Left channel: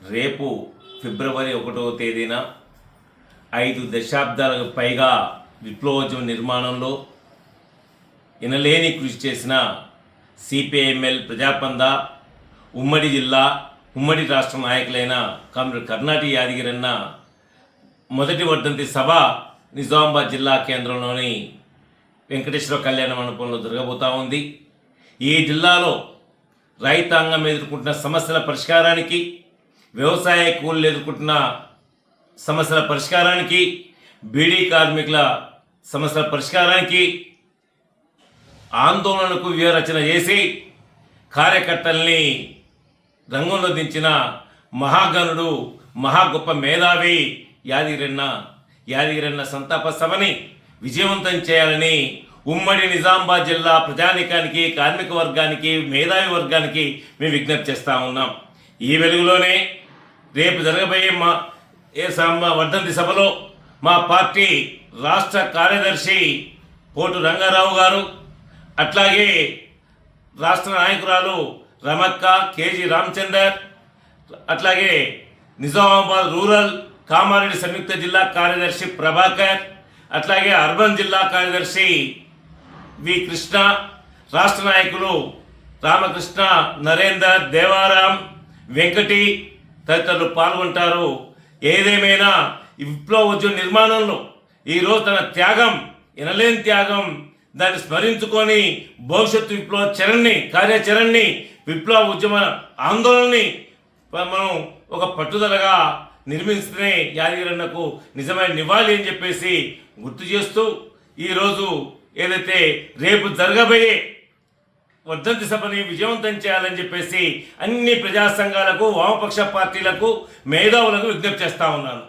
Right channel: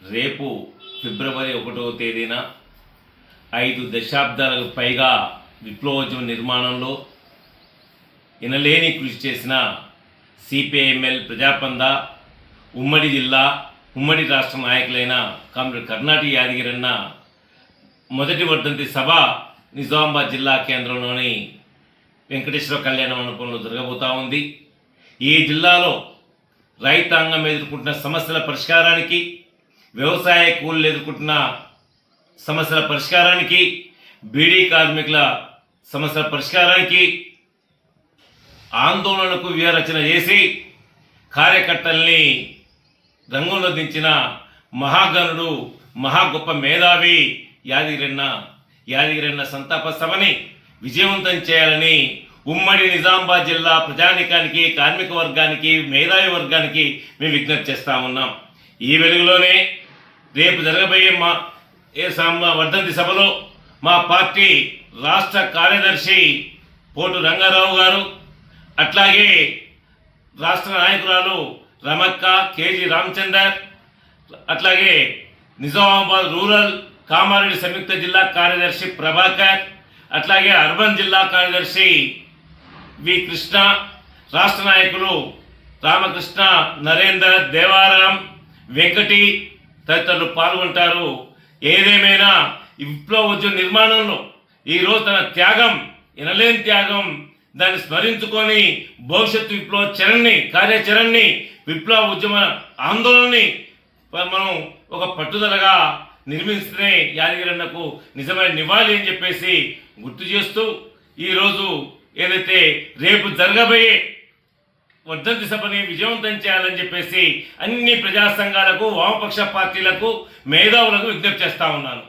రేపు ఫిబ్రవరి ఒకటవ తేదీన ఐదు దశాబ్దాలకు పైగా విప్లవోద్యమ నిర్మాణంలో ఇనలేని కృషి చేసిన సిపిఐఎంఎల్ ప్రజాపంద ఉమ్మడి జిల్లా ఉమ్మడి రాష్ట్ర నాయకులైన కామ్రేడ్ కర్ణాటి యాదగిరన్న మొదటి వర్ధంతి సభ నిజామాబాద్ జిల్లా కేంద్రంలోని వెంకటేశ్వర కళ్యాణ మండపంలో జరగబోతా ఉంది. ఈ జిల్లాలో రైతాంగం ఎదుర్కొంటున్న సమస్యల పరిష్కారానికి వ్యవసాయ కూలీలు ఎదుర్కొంటున్న సమస్యల పరిష్కారానికి బీడీ కార్మికుల సమస్యల పరిష్కారానికి ఆందోళనకు వ్యూహరచన చేసి కార్యకర్తల్ని రంగంలో దించిన మహాగణుడు మహా గొప్ప మేధావి యాదగిరన్న యాదగిరన్న సంతాప సభని విజయవంతం చేయాలని ఉమ్మడి నిజామాబాద్ జిల్లా ప్రజానికానికి కార్మిక వర్గానికి మేధావి వర్గానికి మేము విజ్ఞప్తి చేస్తా ఉన్నాం. ఈ వెలుగులోనే రేపు జరగబోయే మా ఏ వర్ధంతి సభలో మా పార్టీ రాష్ట్ర కార్యదర్శి పోటు రంగారావు గారు అట్లాగే రాష్ట్ర నాయకురాలు రమక్క కేజీ రామచందర్ అట్లాగే నిజామాబాద్ రూరల్ కామారెడ్డి సంయుక్త జిల్లా కార్యదర్శి ప్రభాకర్ అట్లాగే అర్బన్ జిల్లా కార్యదర్శి వి కృష్ణ రాష్ట్ర నాయకులు రామకృష్ణ నరేందర్ దేవారాం వెంకటి తదితరులు పాల్గొంటారు. ఏదేమైనా విప్లవ ఉద్యమ నిర్మాణంలో ఈరోజు తన త్యాగం ఇనలేని త్యాగం దాన్ని స్మరించుకొని భవిష్యత్తు విప్లవ చరణ్ని కార్యాచరణని విప్లవ ఉద్యమ ఆందోళనని మనం ఒక పట్టుదలగా నిర్మిస్తూనే యాదగిరన్నకు నిజమైన నివాళి అని చెప్పేసి గుర్తు చేస్తూ ఈరోజు ఏదైతే రేపు జరగబోయే వర్ధంతి సభని విజయవంతం చేయాలని చెప్పేసి అన్ని ప్రజా సంఘాలకు వామపక్ష పార్టీలకు మేధావులకు విజ్ఞప్తి చేస్తా ఉన్నాను.